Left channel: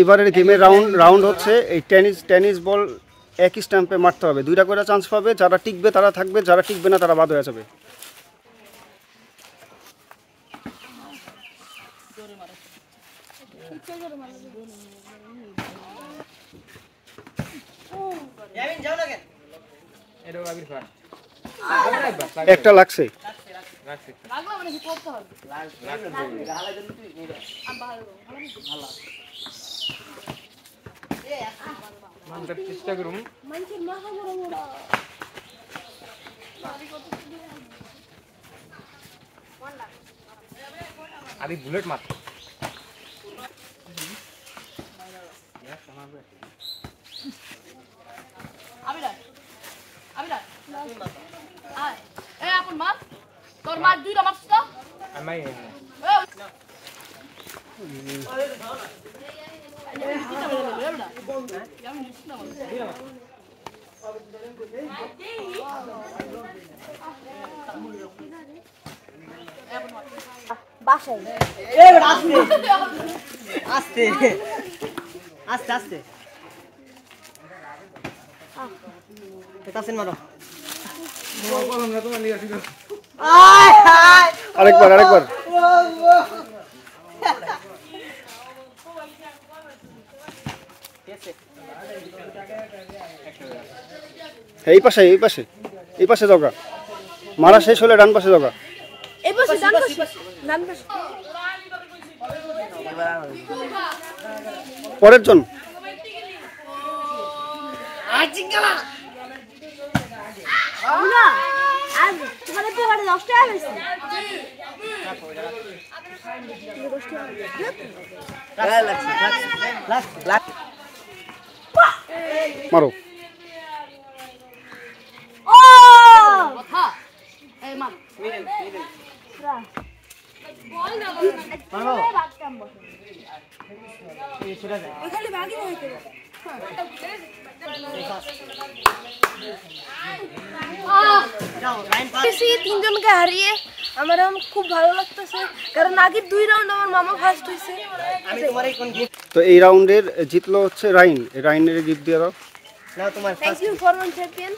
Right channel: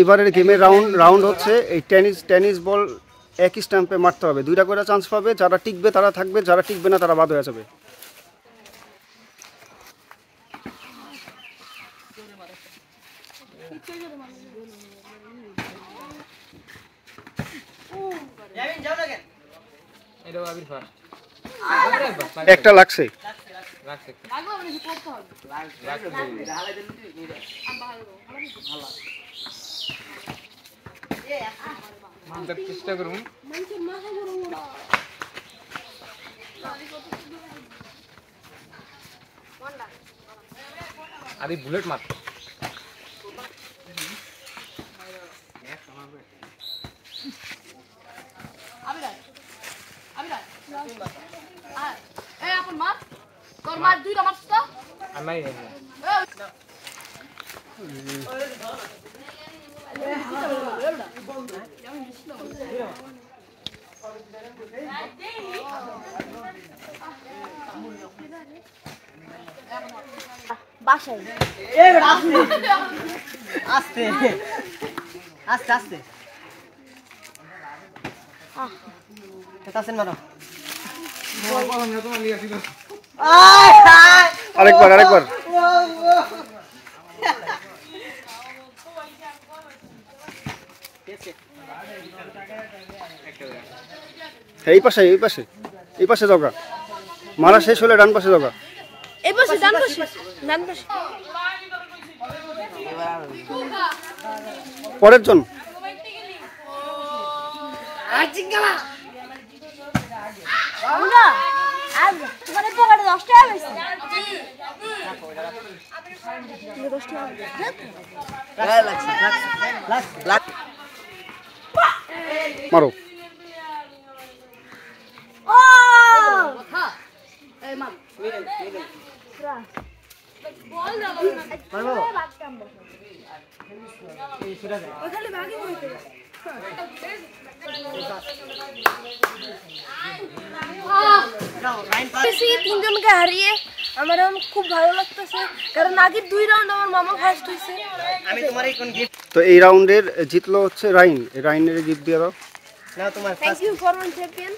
এবারের গেমের রাউন্ড হচ্ছে এই টেনিস বল একই স্ট্যাম্পে মারতে হবে। 2টা করে চান্স পাবে, যারা টিকবে তারা থাকবে, যারা টিকবে না তারা বাদ হয়ে যাবে। একটা লাগছে। চেষ্টা করব আরে বুলেট মার তোর মার দুইটা মারছ তো আমি বাসায় আস্তে আস্তে আস্তে মারো আরেকবার এই পাশে জগা মারা শেষ হলে ডান পাশে জগা। পরের জন মারো। তিনজনকে হারিয়ে আমার খুব ভালো লাগতেছে, কারণ আগের 2 রাউন্ড আমার মামা ফার্স্ট হয়েছে। তো এই রাউন্ডের জিতলো হচ্ছে রাইন। রাইনের গিফট দিয়ে দাও। Thank you for one champion.